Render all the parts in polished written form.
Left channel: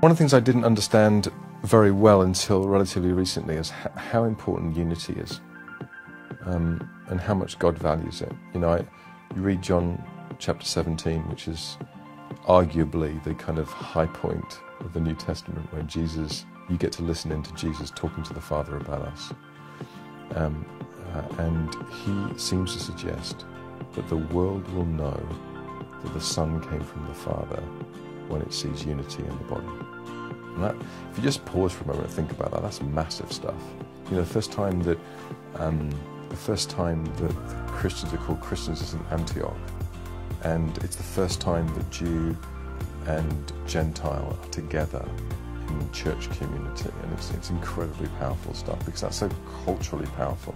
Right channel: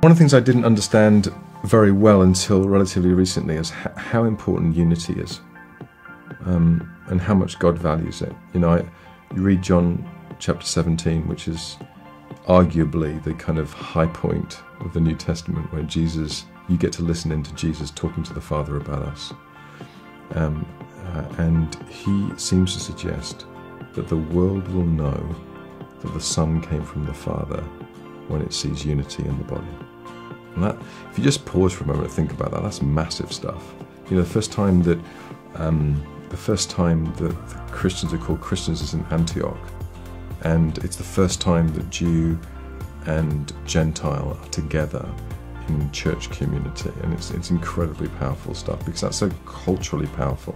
One of the things I didn't understand very well until relatively recently is how important unity is, and how much God values it. You read John chapter 17, which is arguably the kind of high point of the New Testament, where you get to listen into Jesus talking to the Father about us. And he seems to suggest that the world will know that the Son came from the Father when it sees unity in the body. And that, if you just pause for a moment and think about that, that's massive stuff. The first time that Christians are called Christians is in Antioch, and it's the first time that Jew and Gentile are together in church community, and it's incredibly powerful stuff, because that's so culturally powerful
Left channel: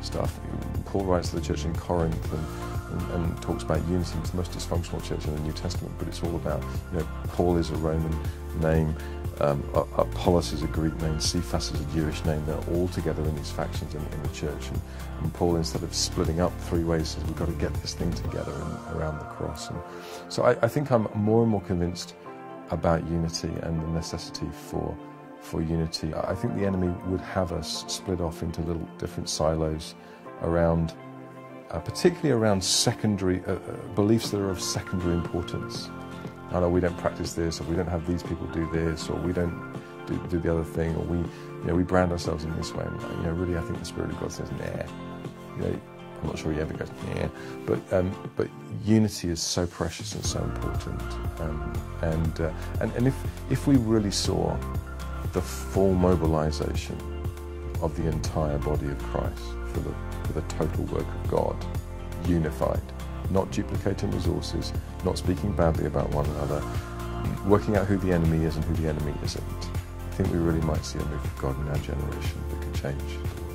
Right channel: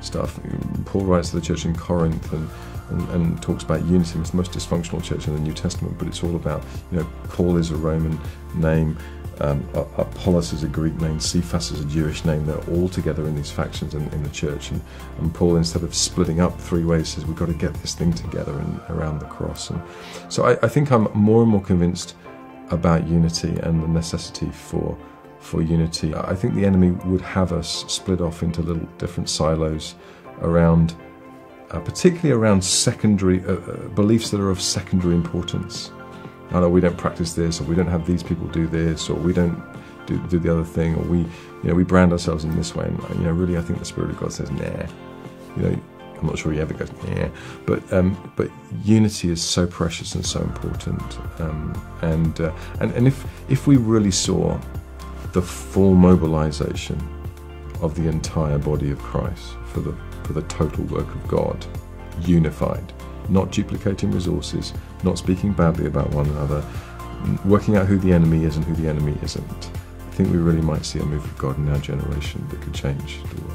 stuff. Paul writes to the church in Corinth and talks about unity. It's the most dysfunctional church in the New Testament, but it's all about, Paul is a Roman name, Apollos is a Greek name, Cephas is a Jewish name. They're all together in these factions in the church, and Paul, instead of splitting up three ways, says we've got to get this thing together around the cross. And so I think I'm more and more convinced about unity and the necessity for unity. I think the enemy would have us split off into little different silos around, particularly around secondary beliefs that are of secondary importance. I know we don't practice this, or we don't have these people do this, or we don't do the other thing, or we brand ourselves in this way. And, really, I think the Spirit of God says, nah. I'm not sure he ever goes, yeah. But unity is so precious and so important. And if we really saw the full mobilization of the entire body of Christ for the total work of God, unified, not duplicating resources, not speaking badly about one another, working out who the enemy is and who the enemy isn't, I think we really might see a move of God in our generation that could change the world.